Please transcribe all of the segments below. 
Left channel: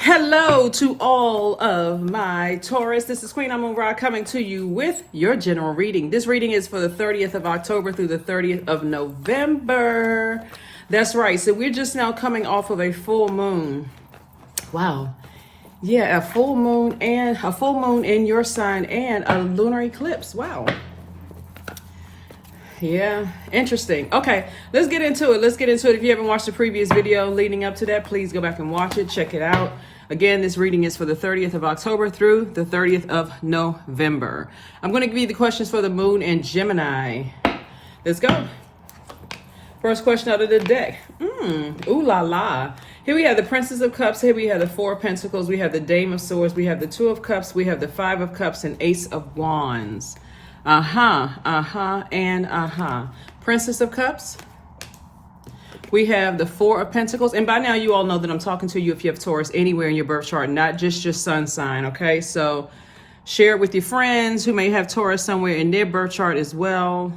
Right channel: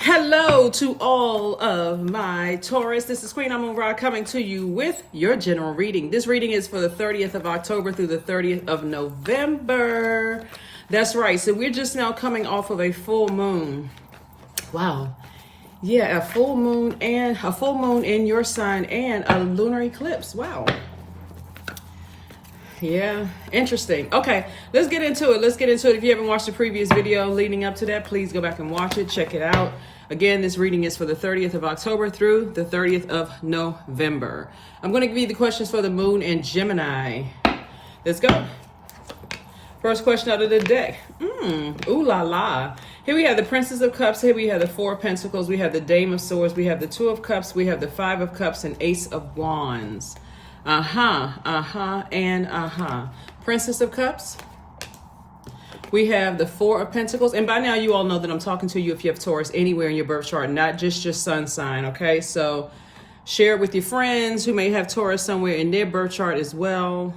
Hello to all of my Taurus. This is Queen Amun Ra coming to you with your general reading. This reading is for the 30th of October through the 30th of November. That's right. So we're just now coming off of a full moon. Wow. Yeah, a full moon in your sign and a lunar eclipse. Wow. Yeah, interesting. Okay, let's get into it. If you haven't watched the previous video leading up to that, please go back and watch it. Check it out. Again, this reading is for the 30th of October through the 30th of November. I'm going to give you the questions for the moon and Gemini. Let's go. First question out of the deck. Ooh la la. Here we have the Princess of Cups. Here we have the Four of Pentacles. We have the Dame of Swords. We have the Two of Cups. We have the Five of Cups and Ace of Wands. Princess of Cups. We have the Four of Pentacles. And by now you all know that I'm talking to you if you have Taurus anywhere in your birth chart, not just your sun sign, okay? So share it with your friends who may have Taurus somewhere in their birth chart as well.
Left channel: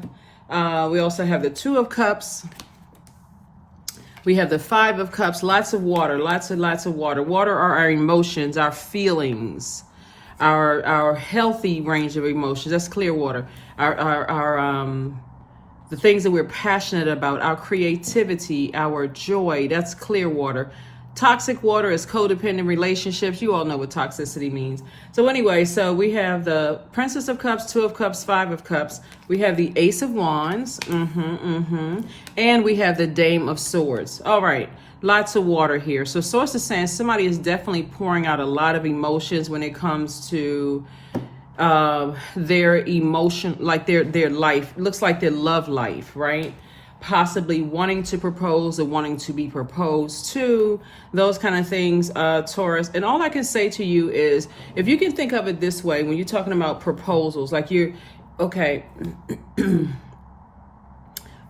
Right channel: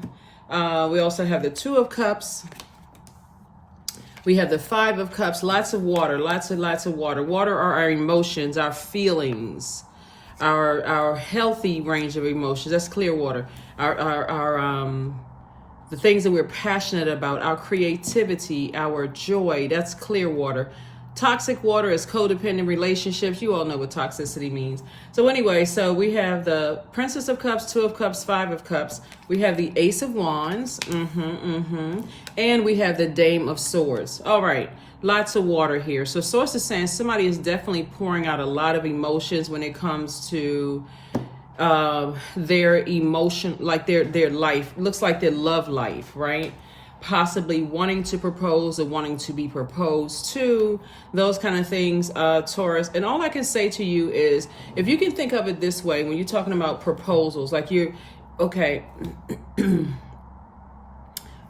We also have the Two of Cups. We have the Five of Cups. Lots of water, lots of water. Water are our emotions, our feelings. Our healthy range of emotions. That's clear water. The things that we're passionate about, our creativity, our joy, that's clear water. Toxic water is codependent relationships. You all know what toxicity means. So anyway, so we have the Princess of Cups, Two of Cups, Five of Cups. We have the Ace of Wands. And we have the Dame of Swords. All right. Lots of water here. So source is saying somebody is definitely pouring out a lot of emotions when it comes to their emotion, like their life. Looks like their love life, right? Possibly wanting to propose or wanting to be proposed to, those kind of things, Taurus. And all I can say to you is, if you can think of it this way, when you're talking about proposals, like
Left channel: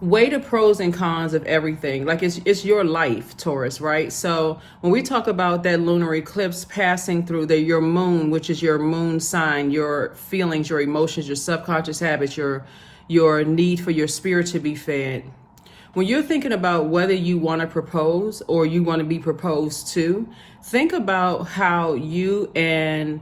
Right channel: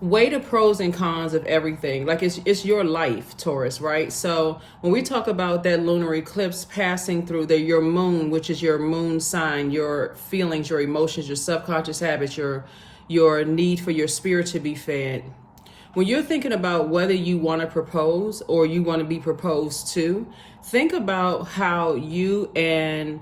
weigh the pros and cons of everything. Like it's your life, Taurus, right? So when we talk about that lunar eclipse passing through your moon, which is your moon sign, your feelings, your emotions, your subconscious habits, your need for your spirit to be fed. When you're thinking about whether you want to propose or you want to be proposed to, think about how you and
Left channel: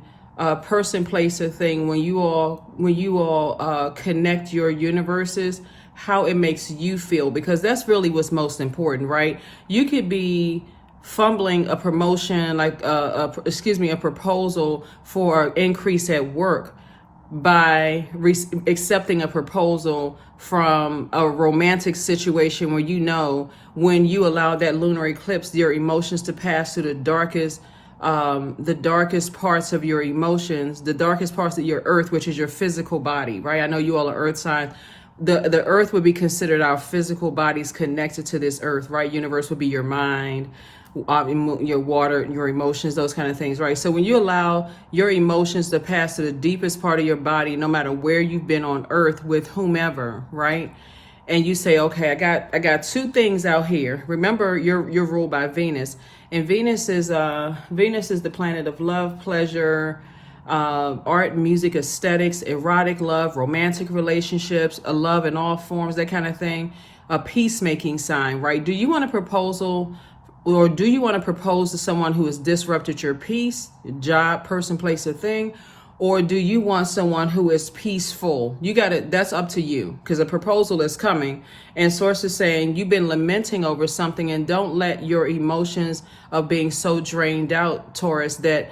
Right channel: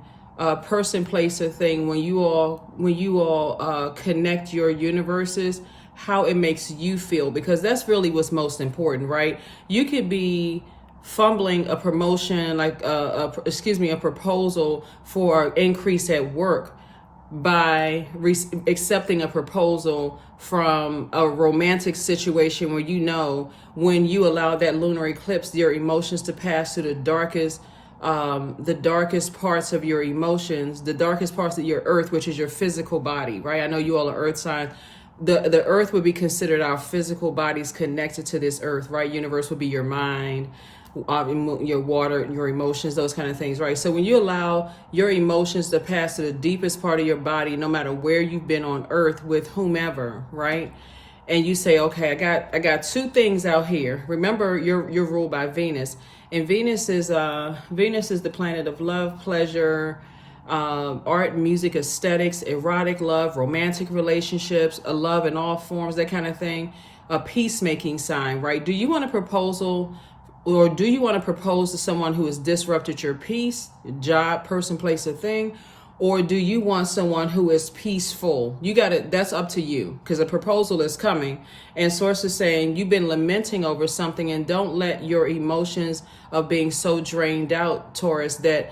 person, place, or thing, when you all connect your universes, how it makes you feel, because that's really what's most important, right? You could be fumbling a promotion, like a proposal for an increase at work by accepting a proposal from a romantic situation where when you allow that lunar eclipse, your emotions to pass through the darkest parts of your emotions, the darkest parts of your earth, which is your physical body, right? I know you all are earth sign. The earth would be considered our physical bodies connected to this earth, right? Universe would be your mind, your water, your emotions, those kind of things, right? So when you allow your emotions to pass to the deepest part of your body, no matter where you've been on earth with whomever, right? And you say, okay, I got two things out here. Remember, you're ruled by Venus, and Venus is the planet of love, pleasure, art, music, aesthetics, erotic love, romantic relationships, a love in all forms, that kind of thing. A peacemaking sign, right? Do you want a proposal, or do you want to propose to someone who has disrupted your peace, job, person, place, or thing? Or do you want someone who is peaceful? That's up to you, because a proposal is coming. And source is saying you've been lamenting over something, and don't let your emotions of being so drained out, Taurus, that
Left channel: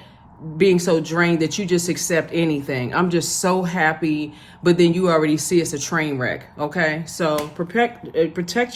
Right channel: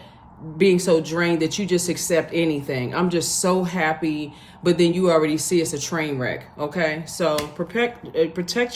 you just accept anything. I'm just so happy, but then you already see it's a train wreck, okay? So protect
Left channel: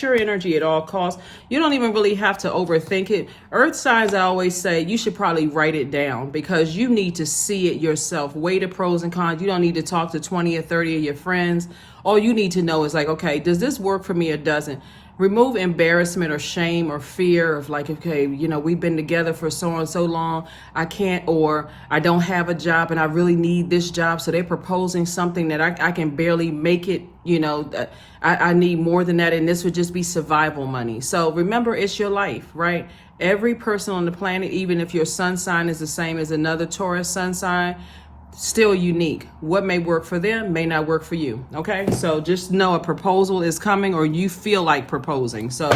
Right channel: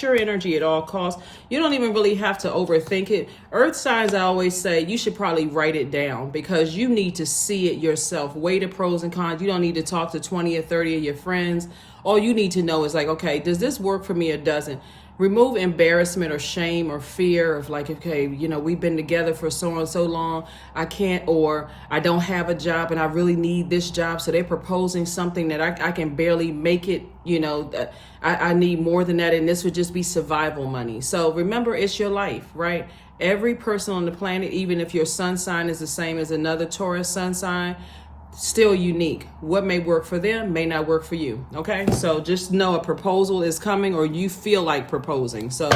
your energy at all costs. You don't even really have to overthink it. Earth signs, I always say, you should probably write it down, because you need to see it yourself. Weigh the pros and cons. You don't need to talk to 20 or 30 of your friends. All you need to know is like, okay, does this work for me or doesn't? Remove embarrassment or shame or fear of like, okay, we've been together for so and so long, I can't, or I don't have a job and I really need this job, so they're proposing something that I can barely make it, I need more than that, and this would just be survival money. So remember, it's your life, right? Every person on the planet, even if your sun sign is the same as another Taurus sun sign, still unique. What may work for them may not work for you. Okay, so just know a proposal is coming, or you feel like proposing. So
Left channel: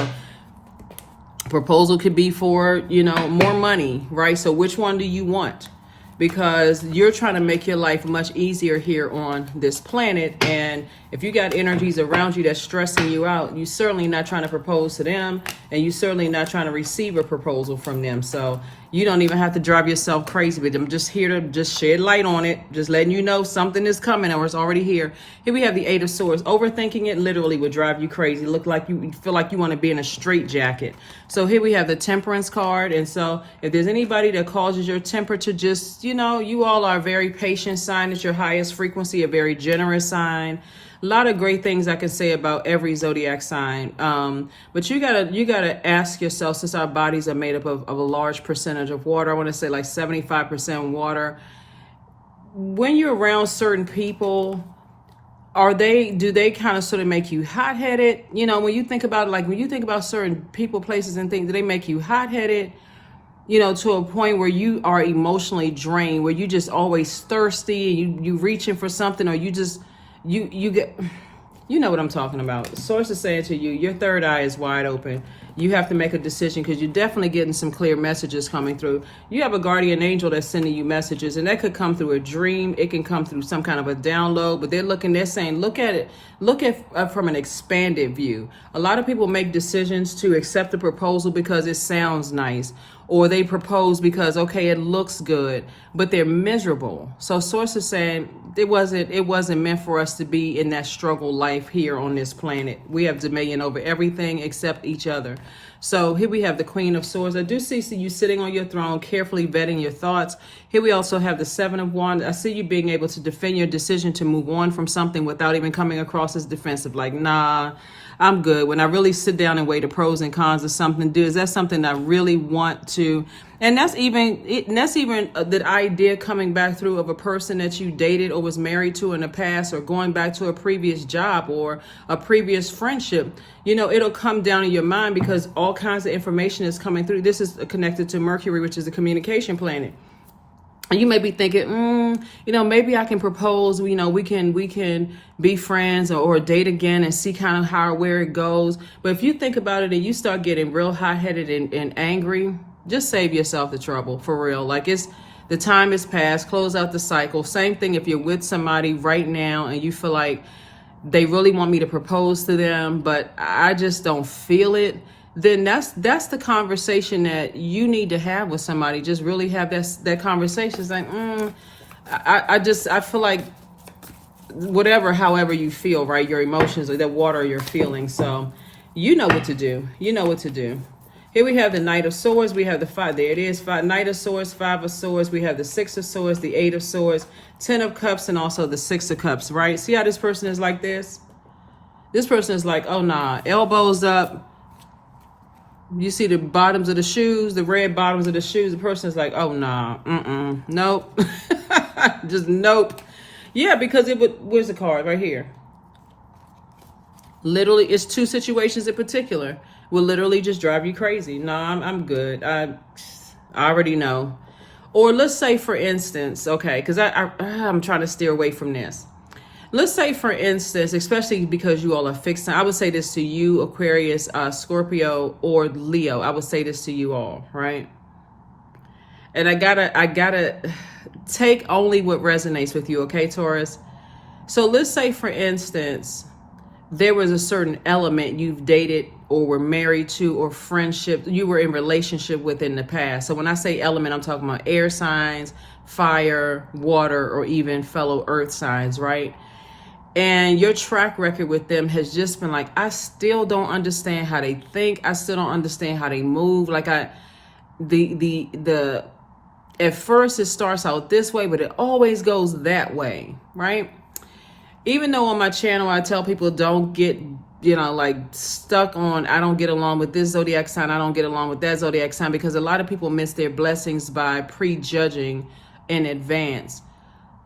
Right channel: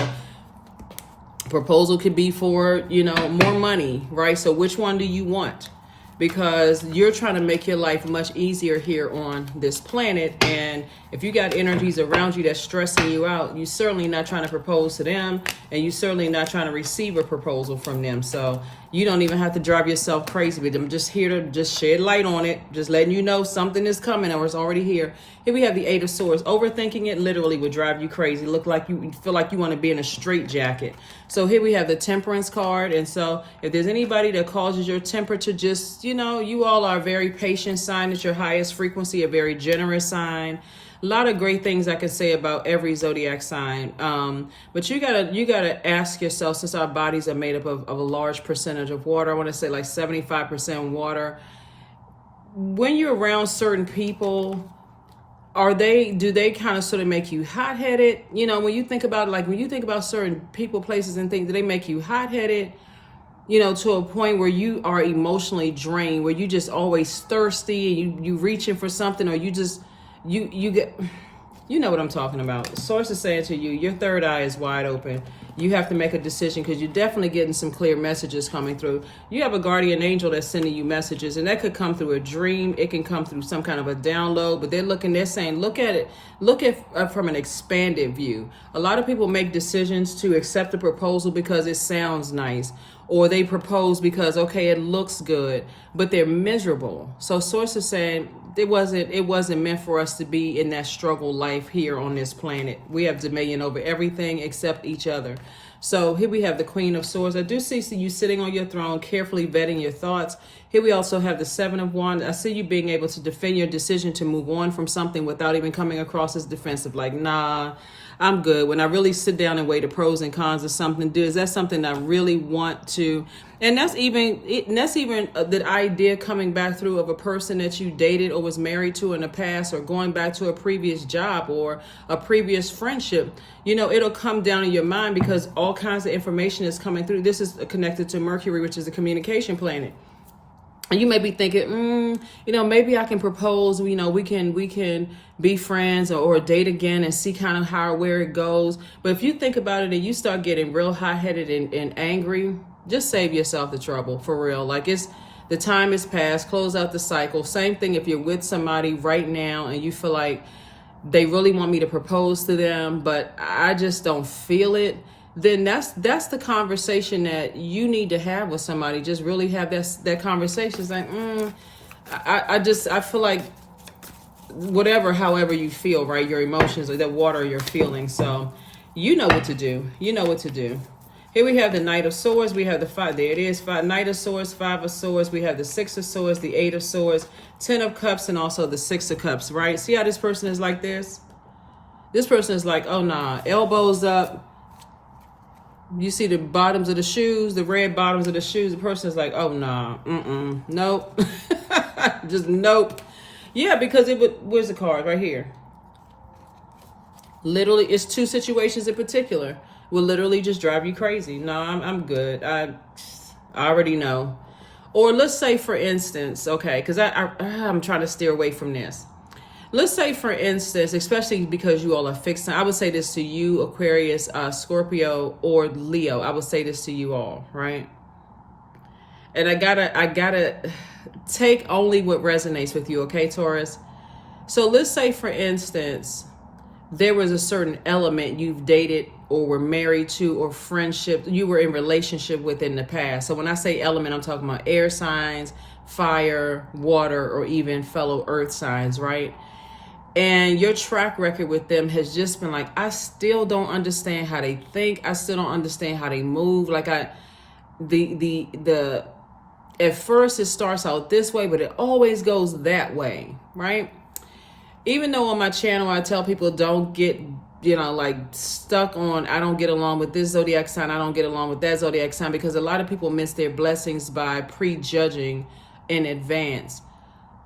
proposal could be for, more money, right? So which one do you want? Because you're trying to make your life much easier here on this planet. And if you got energies around you that's stressing you out, you certainly not trying to propose to them, and you certainly not trying to receive a proposal from them. So you don't even have to drive yourself crazy with them. Just here to just shed light on it, just letting you know something is coming or it's already here. Here we have the Eight of Swords. Overthinking it literally would drive you crazy. Look like you feel like you want to be in a straitjacket. So here we have the Temperance card. And so if there's anybody that causes your temper to just, you all are a very patient sign at your highest frequency, a very generous sign. A lot of great things I could say about every zodiac sign, but you gotta ask yourself, since our bodies are made up of a large percentage of water, I want to say like 75% water. When you're around certain people, do they kind of sort of make you hot-headed? When you think about when you think about certain people, places, and things, do they make you hot-headed? To a point where you are emotionally drained, where you just always thirsty, and you reaching for something, or you just you get, what I'm talking about. Source is saying to you, your third eye is wide open. You have to make a decision, because you're definitely getting some clear messages coming through. You have a guardian angel that's sending you messages, and that could come through a dream. It can come through some kind of a download, but they're saying, look at from an expanded view. A lot of people make decisions to accept a proposal because it sounds nice, or they propose because, okay, it looks good, but they're miserable. So Source is saying it wasn't meant for us to be in that struggle life here on this planet. We have dominion over everything except each other. So here we have the Queen of Swords. I do see you sitting on your throne, carefully vetting your thoughts. Here we also have the Seven of Wands. I see you being able to defend your decision to move on from something without even coming across as defensive, like, nah, I'm good. When I really sit down and weigh the pros and cons of something, is that something I really want to? And that's even the idea coming back through of a person that you dated or was married to in the past, or going back to a previous job or a previous friendship. It'll come down in your mind, because all kinds of information is coming through. This is connected to Mercury, which is the communication planet. And you may be thinking, maybe I can propose, we can be friends or date again and see kind of how or where it goes. But if you think about it and you start getting real hot-headed and angry, just save yourself the trouble, for real. The time is past, close out the cycle. Same thing if you're with somebody right now and you feel like they really want me to propose to them, but I just don't feel it. Then that's the conversation that you need to have with somebody. Just really have that conversation. It's like, I feel like however you feel, right? Your emotions or that water your feelings. So you know what to do. Here we have the Knight of Swords. We have the five. There it is. Knight of Swords, Five of Swords. We have the Six of Swords, the Eight of Swords, Ten of Cups, and also the Six of Cups, right? See how this person is like this? This person is like, oh, nah, elbows up. You see the bottoms of the shoes, the red bottoms of the shoes. The person is like, oh, nah, nope. Just nope. Yeah, because where's the card? Right here. Literally, it's two situations in particular will literally just drive you crazy. No, I'm good. I already know. Or let's say, for instance, okay, because I'm trying to steer away from this. Let's say, for instance, especially because you all are fixed, I would say this to you, Aquarius, Scorpio, or Leo. I would say this to you all, right? And I gotta take only what resonates with you, okay, Taurus? So let's say, for instance, there was a certain element you've dated or were married to, or friendship you were in relationship with in the past. So when I say element, I'm talking about air signs, fire, water, or even fellow earth signs, right? And your track record with them has just been like, I still don't understand how they think. I still don't understand how they move. At first it starts out this way, but it always goes that way, right? Even though on my channel, I tell people don't get, stuck on, I don't get along with this zodiac sign, I don't get along with that zodiac sign, because a lot of people miss their blessings by prejudging in advance.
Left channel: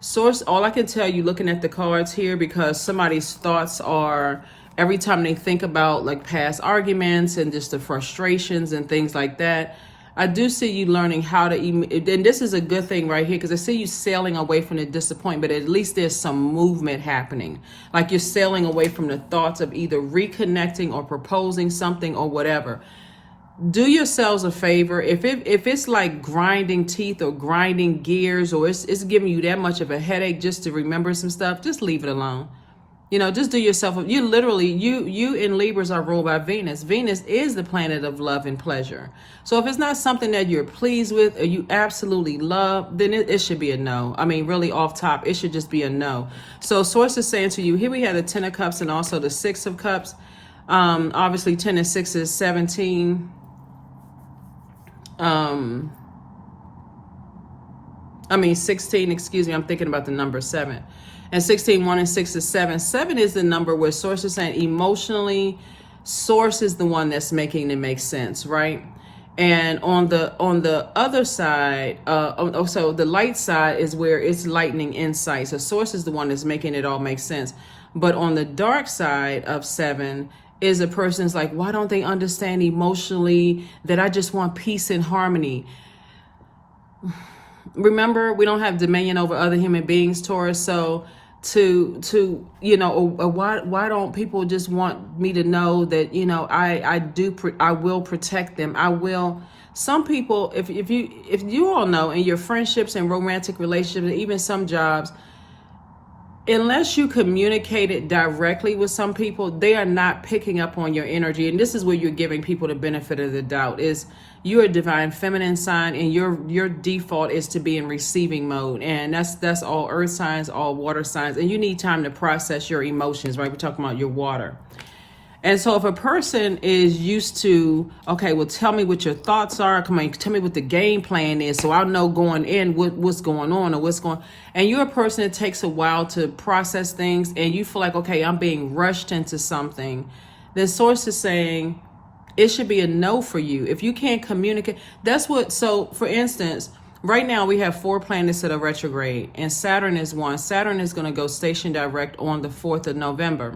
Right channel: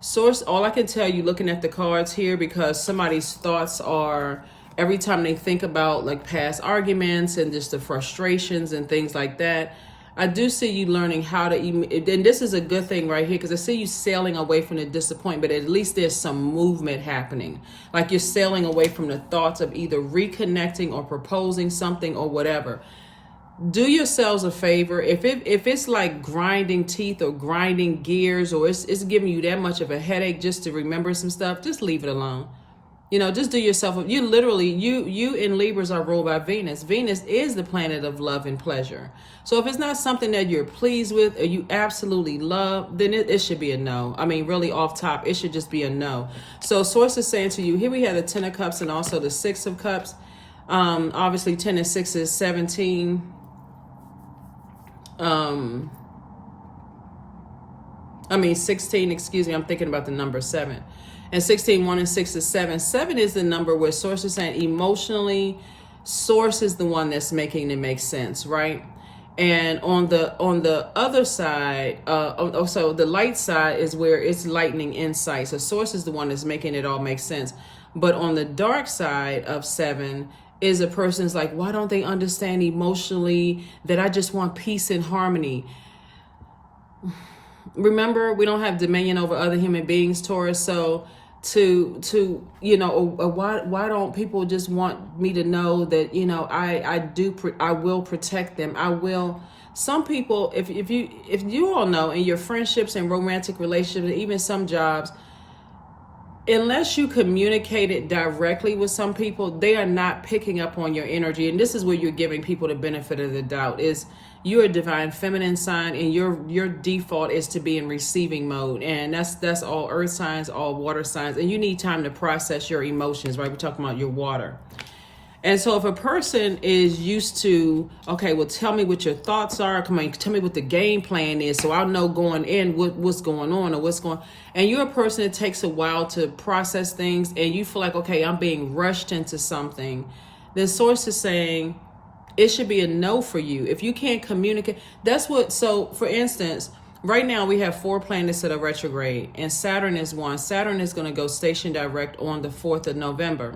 Source, all I can tell you looking at the cards here, because somebody's thoughts are, every time they think about past arguments and just the frustrations and things like that, I do see you learning how to, and this is a good thing right here, because I see you sailing away from the disappointment. At least there's some movement happening. Like you're sailing away from the thoughts of either reconnecting or proposing something or whatever. do yourselves a favor. If it's like grinding teeth or grinding gears, or it's giving you that much of a headache just to remember some stuff, just leave it alone. Just do yourself. You literally, you in Libras are ruled by Venus. Venus is the planet of love and pleasure. So if it's not something that you're pleased with or you absolutely love, then it should be a no. I mean, really off top, it should just be a no. So Source is saying to you, here we have the 10 of Cups and also the 6 of Cups. Obviously 10 and 6 is 17. I mean 16, excuse me, I'm thinking about the number 7. And 16, 1 and 6 is 7. 7 is the number where Source is saying emotionally, Source is the one that's making it make sense, right? And on the other side, so the light side is where it's lightning insight. So Source is the one that's making it all make sense. But on the dark side of 7 is a person's like, why don't they understand emotionally that I just want peace and harmony? Remember, we don't have dominion over other human beings, Taurus. So why don't people just want me to know that I will protect them. I will. Some people, if you all know, in your friendships and romantic relationships and even some jobs, unless you communicate it directly with some people, they are not picking up on your energy. And this is where you're giving people the benefit of the doubt. Is you're a divine feminine sign, and your default is to be in receiving mode, and that's all earth signs, all water signs, and you need time to process your emotions, right? We're talking about your water. And so if a person is used to, okay, well, tell me what your thoughts are, come on, tell me what the game plan is, so I'll know going in what's going on or what's going, and you're a person that takes a while to process things, and you feel like, okay, I'm being rushed into something, then Source is saying, it should be a no for you. If you can't communicate, so for instance, right now we have 4 planets that are retrograde, and Saturn is one. Saturn is going to go station direct on the 4th of November.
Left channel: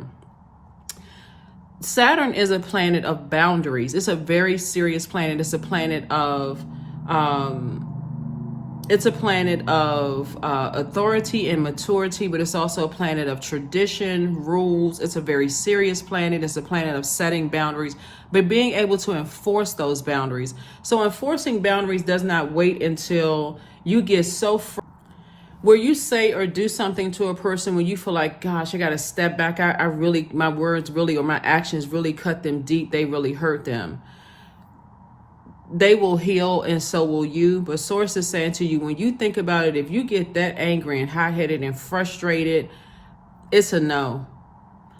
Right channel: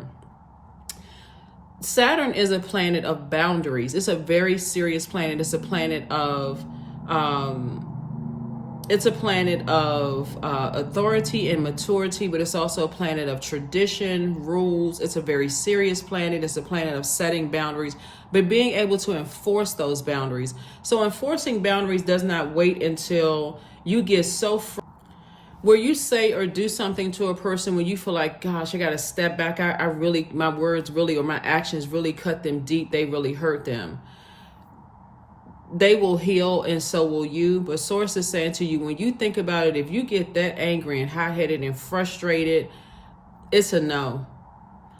Saturn is a planet of boundaries. It's a very serious planet. It's a planet of authority and maturity, but it's also a planet of tradition, rules. It's a very serious planet. It's a planet of setting boundaries, but being able to enforce those boundaries. So enforcing boundaries does not wait until you get so where you say or do something to a person when you feel like, gosh, I got to step back. I really, my words really, or my actions really cut them deep. They really hurt them. They will heal, and so will you. But Source is saying to you, when you think about it, if you get that angry and hot-headed and frustrated, it's a no.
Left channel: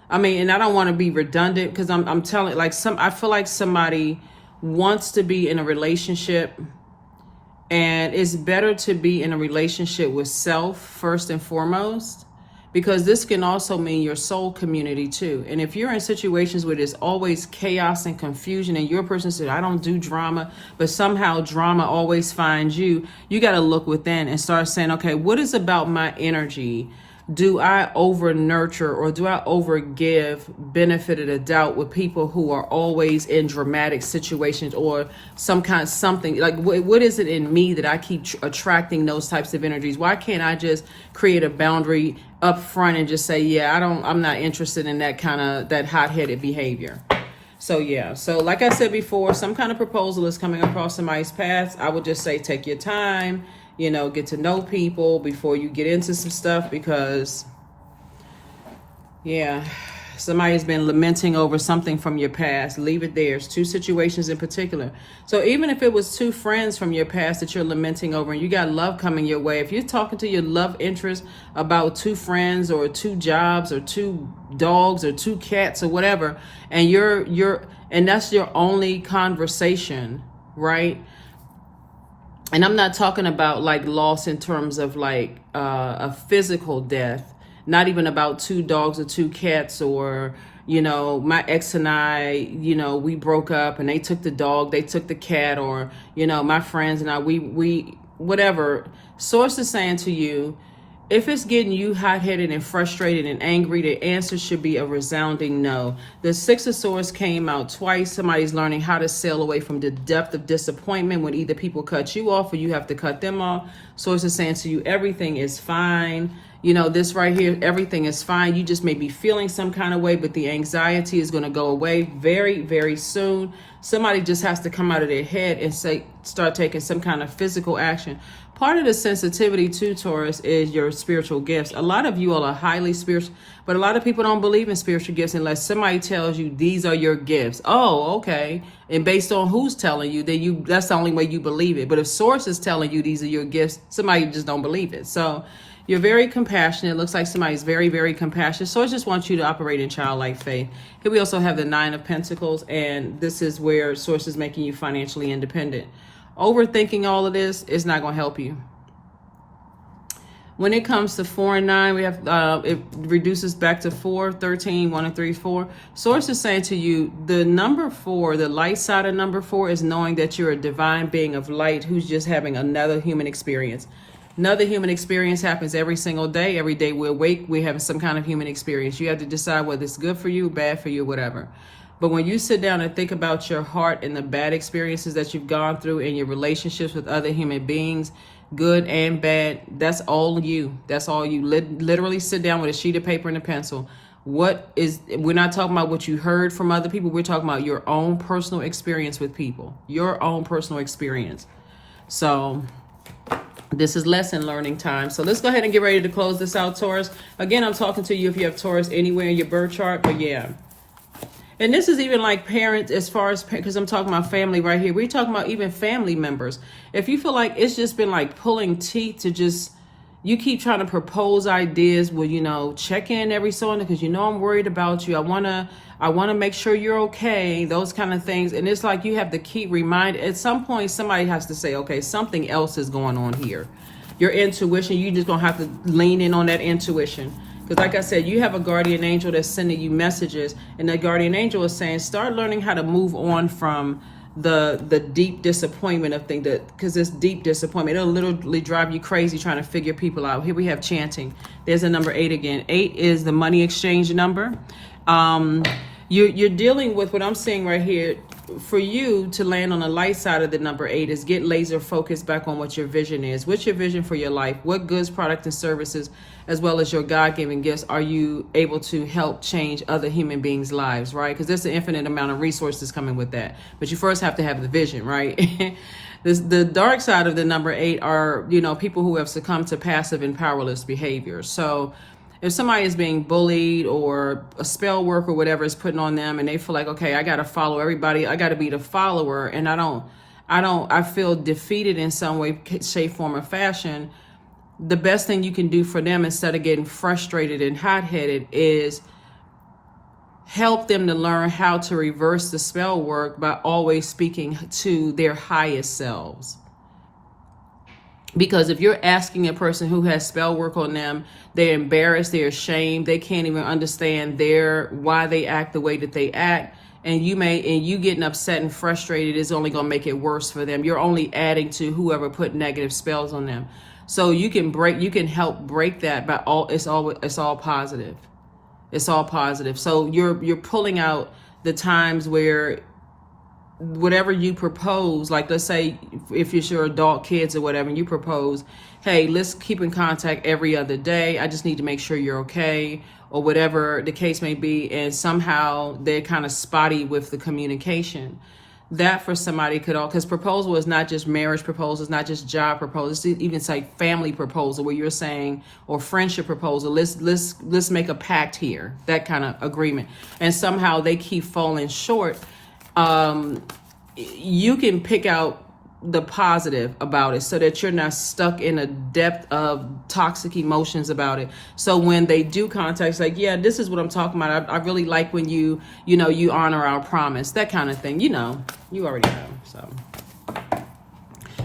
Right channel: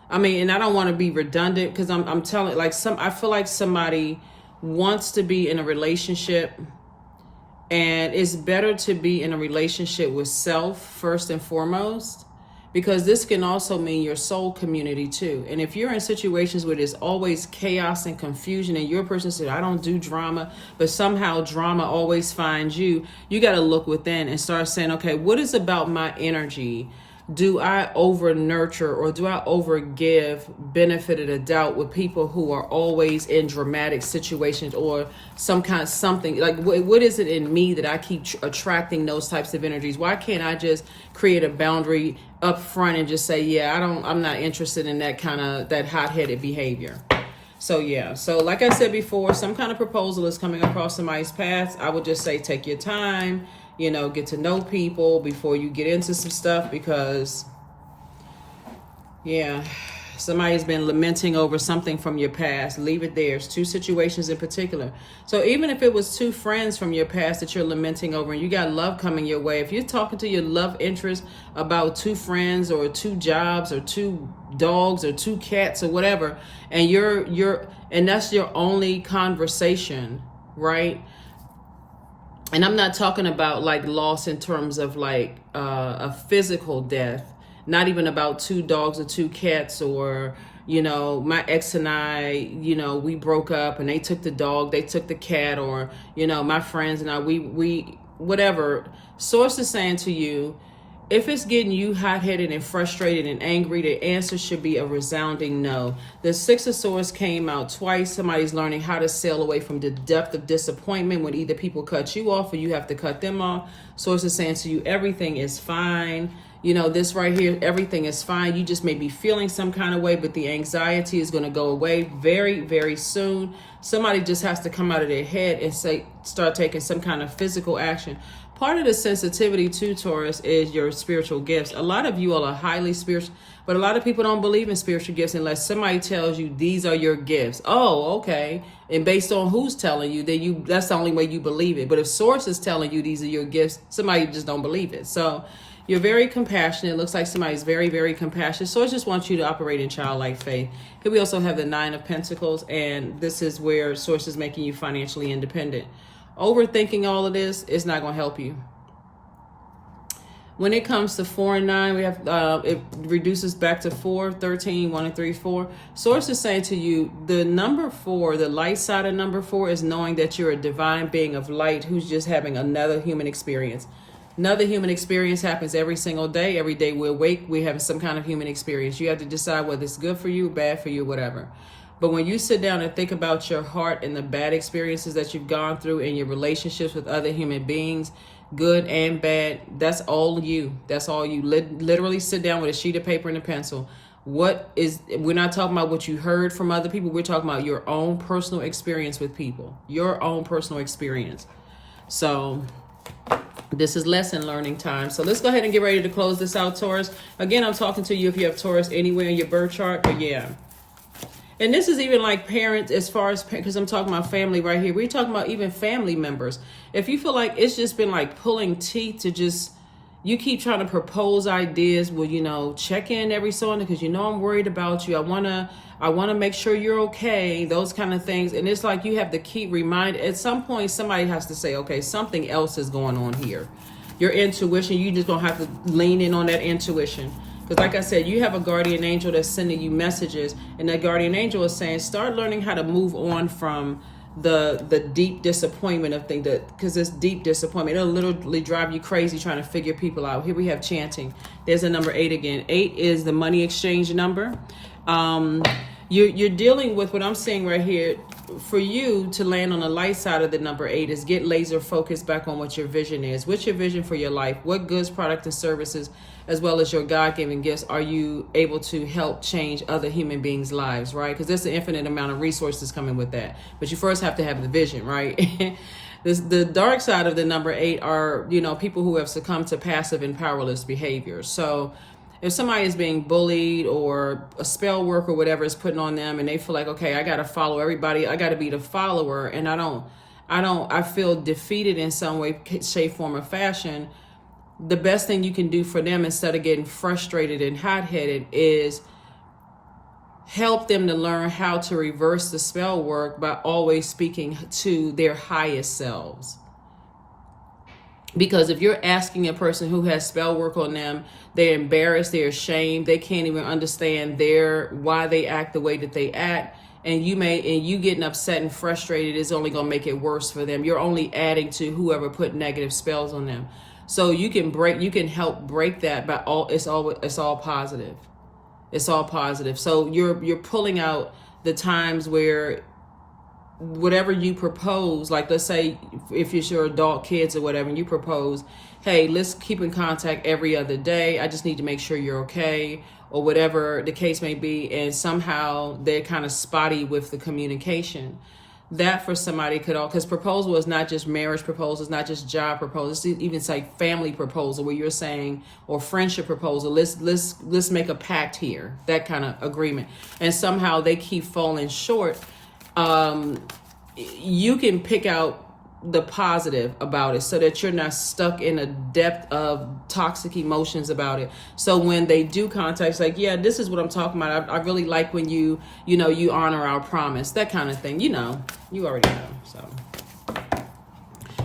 I mean, and I don't want to be redundant, because I'm telling, I feel like somebody wants to be in a relationship, and it's better to be in a relationship with self first and foremost, because this can also mean your soul community too. And if you're in situations where there's always chaos and confusion, and you're a person said, I don't do drama, but somehow drama always finds you, you got to look within and start saying, okay, what is about my energy? Do I over nurture, or do I over give benefit of the doubt with people who are always in dramatic situations, or something like, what is it in me that I keep attracting those types of energies? Why can't I just create a boundary up front and just say, yeah, I'm not interested in that that hot-headed behavior? So yeah, so like I said before, some kind of proposal is coming across somebody's path. I would just say, take your time, get to know people before you get into some stuff, because yeah, somebody's been lamenting over something from your past. Leave it there. It's 2 situations in particular. So even if it was 2 friends from your past that you're lamenting over, and you got love coming your way, if you're talking to your love interest about 2 friends or 2 jobs or 2 dogs or 2 cats or whatever, and and that's your only conversation, right? And I'm not talking about like loss in terms of like a physical death, not even about 2 dogs or 2 cats, or, my ex and I, we broke up and they took the dog, they took the cat, or, my friends and I, we whatever. Source is saying to you, if it's getting you hot-headed and frustrated and angry, the answer should be a resounding no. The 6 of Swords came out twice. Somebody's learning how to sail away from the depth of disappointment when either people cut you off or you have to cut them off. Source is saying to you, everything is fine. you know, this right here, everything is fine. You just may be feeling some kind of way, but the anxiety is going to go away very, very soon. Somebody just has to come out of their head and start taking some kind of physical action. Part of the sensitivity to Taurus is your spiritual gifts. A lot of you all are highly spiritual, but a lot of people don't believe in spiritual gifts unless somebody tells you these are your gifts. Oh, okay. And based on who's telling you, that's the only way you believe it. But if source is telling you these are your gifts, somebody just don't believe it. So you're very compassionate. It looks like somebody's very, very compassionate. So I just want you to operate in childlike faith. Here we also have the 9 of Pentacles, and this is where source is making you financially independent. Overthinking all of this is not going to help you. When it comes to 4 and 9, we have it reduces back to 4, 13, 1 and 3, 4. Source is saying to you, the number 4, the light side of number 4 is knowing that you're a divine being of light who's just having another human experience. Another human experience happens every single day. Every day we awake, we have some kind of human experience. You have to decide whether it's good for you, bad for you, whatever. But when you sit down and think about your heart and the bad experiences that you've gone through in your relationships with other human beings, good and bad, that's all you. That's all you. Literally sit down with a sheet of paper and a pencil. We're not talking about what you heard from other people. We're talking about your own personal experience with people. Your own personal experience. So this is lesson learning time. So let's go ahead and get ready to close this out, Taurus. Again, I'm talking to you if you have Taurus anywhere in your birth chart, but yeah. And this is even like parents, as far as, because I'm talking about family right here. We're talking about even family members. If you feel like it's just been like pulling teeth to just, you keep trying to propose ideas, well, you know, check in every so often because you know I'm worried about you. I want to make sure you're okay, those kind of things. And it's like you have to keep reminding. At some point, somebody has to say, okay, something else is going on here. Your intuition, you just going to have to lean in on that intuition. Because like I said, you have a guardian angel that's sending you messages. And that guardian angel is saying, start learning how to move on from the deep disappointment of things. Because this deep disappointment, it'll literally drive you crazy trying to figure people out. Here we have chanting. There's a number 8 again. 8 is the money exchange number. You're dealing with what I'm saying right here. For you to land on the light side of the number 8 is get laser focused back on what your vision is. What's your vision for your life? What goods, products, and services, as well as your God-given gifts, are you able to help change other human beings' lives, right? Because there's an infinite amount of resources coming with that. But you first have to have the vision, right? The dark side of the number 8 are, you know, people who have succumbed to passive and powerless behavior. So if somebody is being bullied or a spell work or whatever is putting on them and they feel like, okay, I got to follow everybody. I got to be the follower. And I feel defeated in some way, shape, form, or fashion. The best thing you can do for them instead of getting frustrated and hot-headed is help them to learn how to reverse the spell work by always speaking to their highest selves. Because if you're asking a person who has spell work on them, they're embarrassed, they're ashamed, they can't even understand why they act the way that they act, and you getting upset and frustrated is only going to make it worse for them. You're only adding to whoever put negative spells on them. So you can help break that by it's all positive. It's all positive. So you're pulling out the times where whatever you propose, like let's say if it's your adult kids or whatever, and you propose, hey, let's keep in contact every other day. I just need to make sure you're okay, or whatever the case may be. And somehow they're kind of spotty with the communication. That for somebody could all, because proposal is not just marriage proposal, it's not just job proposal, it's even say family proposal where you're saying, or friendship proposal, let's make a pact here, that kind of agreement. And somehow they keep falling short. You can pick out the positive about it so that you're not stuck in a depth of toxic emotions about it. So when they do contact, it's like, yeah, this is what I'm talking about. I really like when you honor our promise, that kind of thing. You already know. So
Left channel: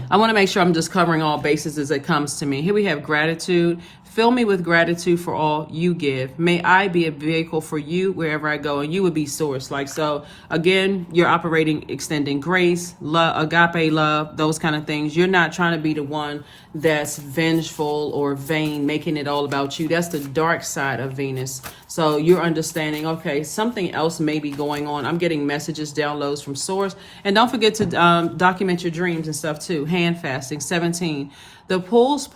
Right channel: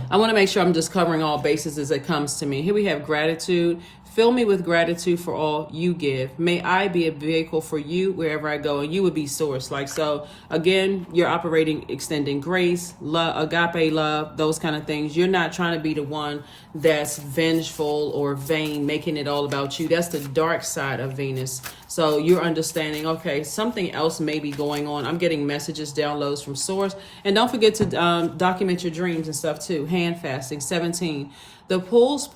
I want to make sure I'm just covering all bases as it comes to me. Here we have gratitude. Fill me with gratitude for all you give. May I be a vehicle for you wherever I go, and you would be source. Like, so again, you're operating, extending grace, love, agape love, those kind of things. You're not trying to be the one that's vengeful or vain, making it all about you. That's the dark side of Venus. So you're understanding, okay, something else may be going on. I'm getting messages, downloads from source. And don't forget to document your dreams and stuff too. Hand fasting. 17. The pulse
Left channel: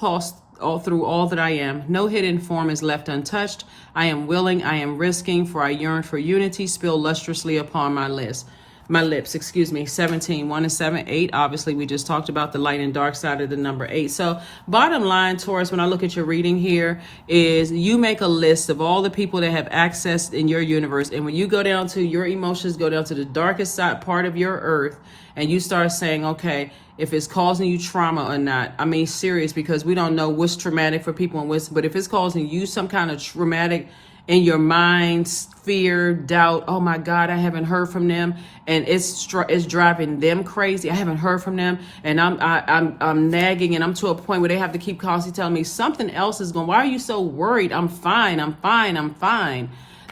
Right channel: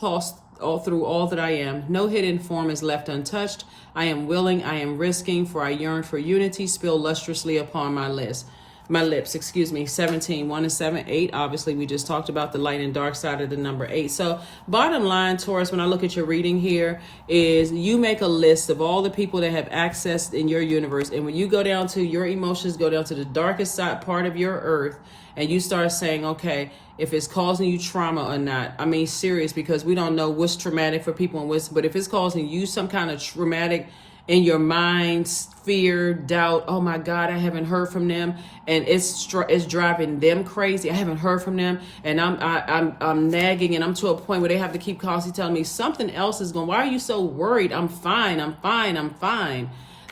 all through all that I am. No hidden form is left untouched. I am willing, I am risking, for I yearn for unity, spill lustrously upon my lips. 17, 1 and 7, 8. Obviously, we just talked about the light and dark side of the number 8. So bottom line, Taurus, when I look at your reading here, is you make a list of all the people that have access in your universe. And when you go down to your emotions, go down to the darkest side part of your earth, and you start saying, okay, if it's causing you trauma or not. I mean, serious, because we don't know what's traumatic for people and what's, but if it's causing you some kind of traumatic in your mind, fear, doubt, oh my God, I haven't heard from them, and it's driving them crazy. I haven't heard from them, and I'm nagging, and I'm to a point where they have to keep constantly telling me something else is going. Why are you so worried? I'm fine.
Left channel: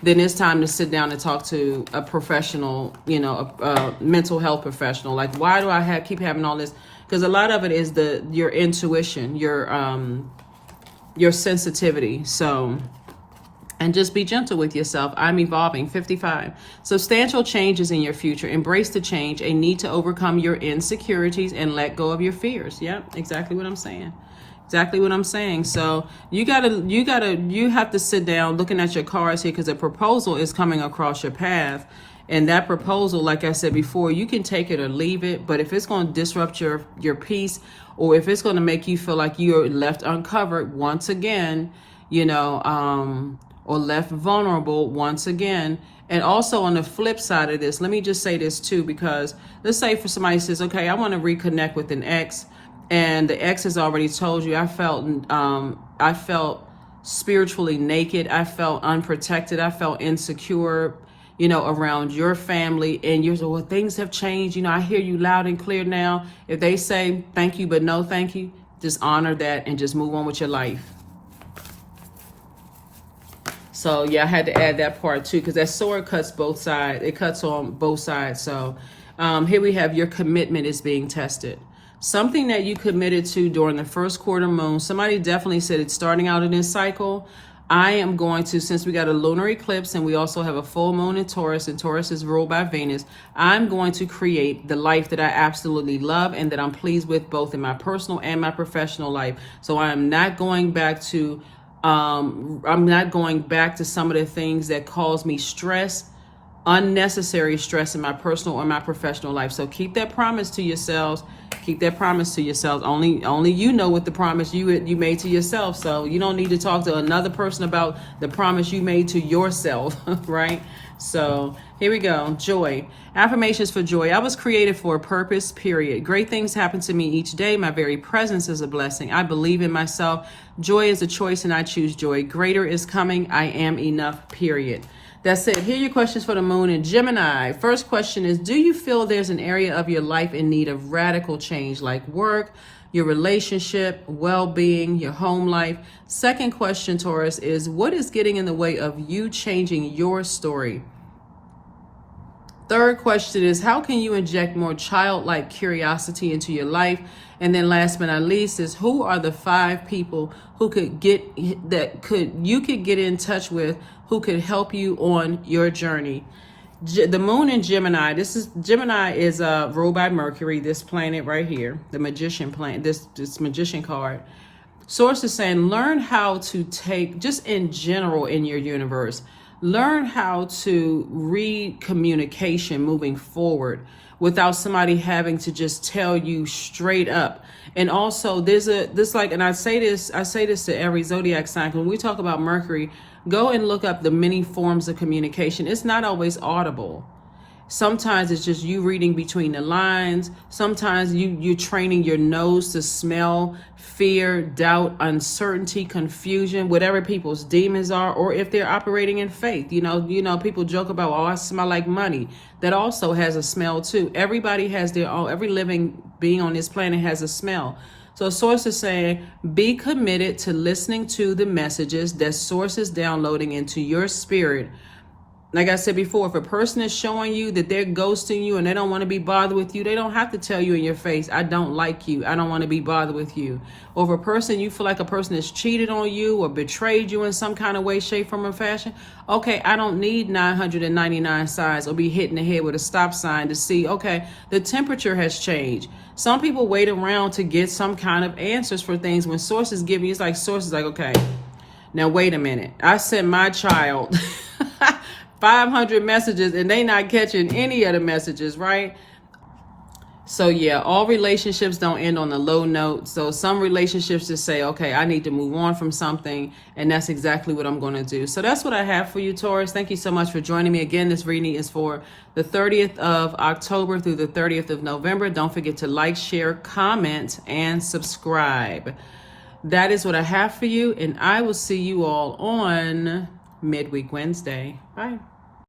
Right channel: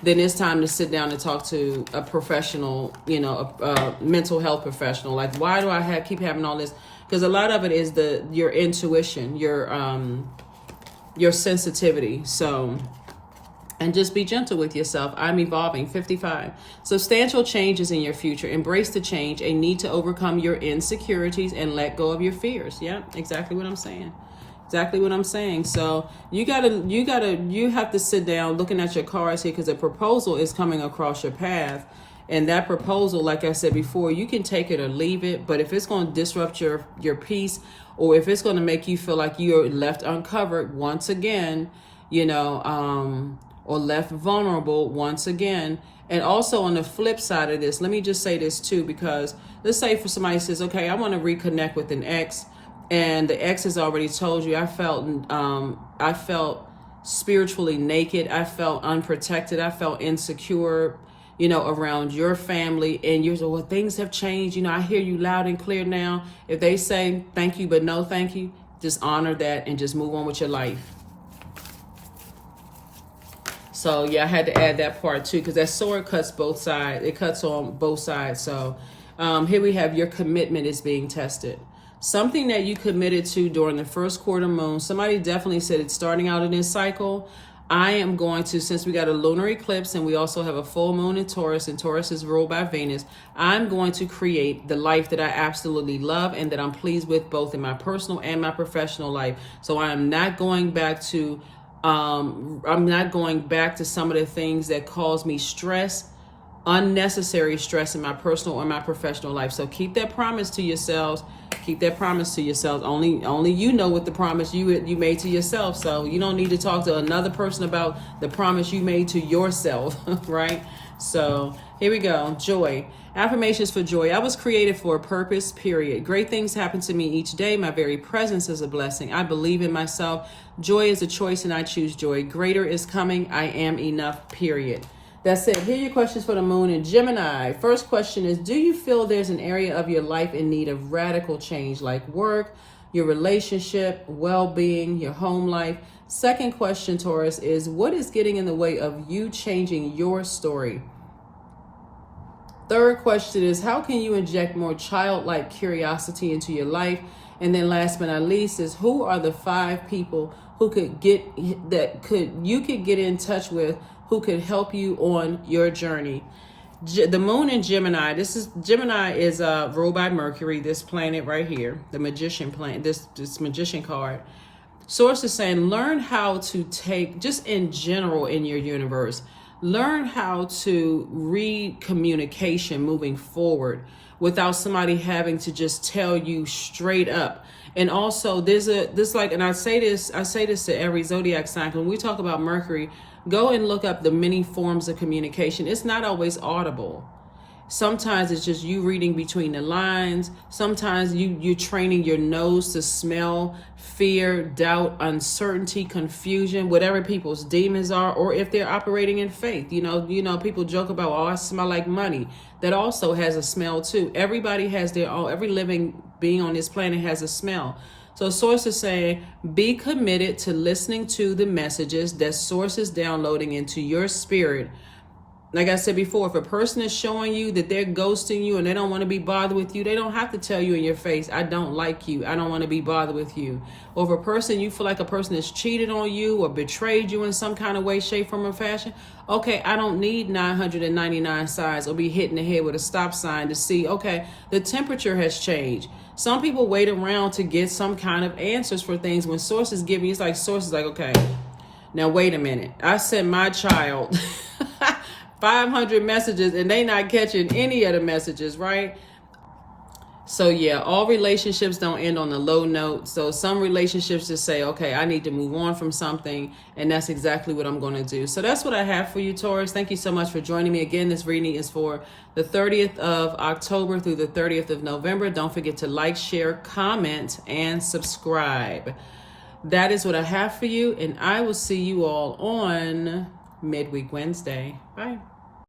Then it's time to sit down and talk to a professional, a mental health professional. Like, why do I keep having all this? Because a lot of it is your intuition, your sensitivity. So. And just be gentle with yourself. I'm evolving. 55. Substantial changes in your future. Embrace the change. A need to overcome your insecurities and let go of your fears. Yeah, exactly what I'm saying. So you have to sit down looking at your cards here, because a proposal is coming across your path. And that proposal, like I said before, you can take it or leave it. But if it's going to disrupt your peace, or if it's going to make you feel like you're left uncovered once again, or left vulnerable once again. And also on the flip side of this, let me just say this too, because let's say for somebody says, okay, I want to reconnect with an ex, and the ex has already told you, I felt spiritually naked, I felt unprotected, I felt insecure, around your family, and you're like, well, things have changed, I hear you loud and clear now. If they say thank you but no thank you, just honor that and just move on with your life. So yeah, I had to add that part too, because that sword cuts both sides. It cuts on both sides. So here we have your commitment is being tested. Something that you committed to during the first quarter moon. Somebody definitely said it's starting out in this cycle. I am going to, since we got a lunar eclipse and we also have a full moon in Taurus, and Taurus is ruled by Venus, I'm going to create the life that I absolutely love and that I'm pleased with, both in my personal and my professional life. So I'm not going back to some of the things that cause me stress, unnecessary stress in my personal or my professional life. So keep that promise to yourselves. Only you know what the promise you made to yourself. So you don't need to talk to another person about the promise you made to yourself, right? So here we go. Joy. Affirmations for joy. I was created for a purpose, period. Great things happen to me each day. My very presence is a blessing. I believe in myself. Joy is a choice and I choose joy. Greater is coming. I am enough, period. That's it. Here are your questions for the moon in Gemini. First question is, do you feel there's an area of your life in need of radical change, like work, your relationship, well-being, your home life? Second question, Taurus, is what is getting in the way of you changing your story? Third question is, how can you inject more childlike curiosity into your life? And then last but not least is, who are the 5 people who you could get in touch with, who could help you on your journey? The moon in Gemini. Gemini is ruled by Mercury, this planet right here, the magician planet, this magician card. Source is saying, learn how to take, just in general in your universe, learn how to read communication moving forward without somebody having to just tell you straight up. And also and I say this to every zodiac sign, when we talk about Mercury, go and look up the many forms of communication. It's not always audible. Sometimes it's just you reading between the lines. Sometimes you're training your nose to smell fear, doubt, uncertainty, confusion, whatever people's demons are, or if they're operating in faith. You know, people joke about, oh, I smell like money. That also has a smell too. Everybody has their own, every living being on this planet has a smell. So Source is saying, be committed to listening to the messages that Source is downloading into your spirit. Like I said before, if a person is showing you that they're ghosting you and they don't want to be bothered with you, they don't have to tell you in your face, I don't like you, I don't want to be bothered with you. Or if a person, you feel like a person has cheated on you or betrayed you in some kind of way, shape, form, or fashion, okay, I don't need 999 signs or be hit in the head with a stop sign to see, okay, the temperature has changed. Some people wait around to get some kind of answers for things. When sources give you, it's like sources like, okay, now wait a minute. I sent my child 500 messages and they not catching any of the messages, right? So yeah, all relationships don't end on a low note. So some relationships just say, okay, I need to move on from something, and that's exactly what I'm going to do. So that's what I have for you, Taurus. Thank you so much for joining me. Again, this reading is for the 30th of October through the 30th of November. Don't forget to like, share, comment, and subscribe. That is what I have for you, and I will see you all on Midweek Wednesday. Bye.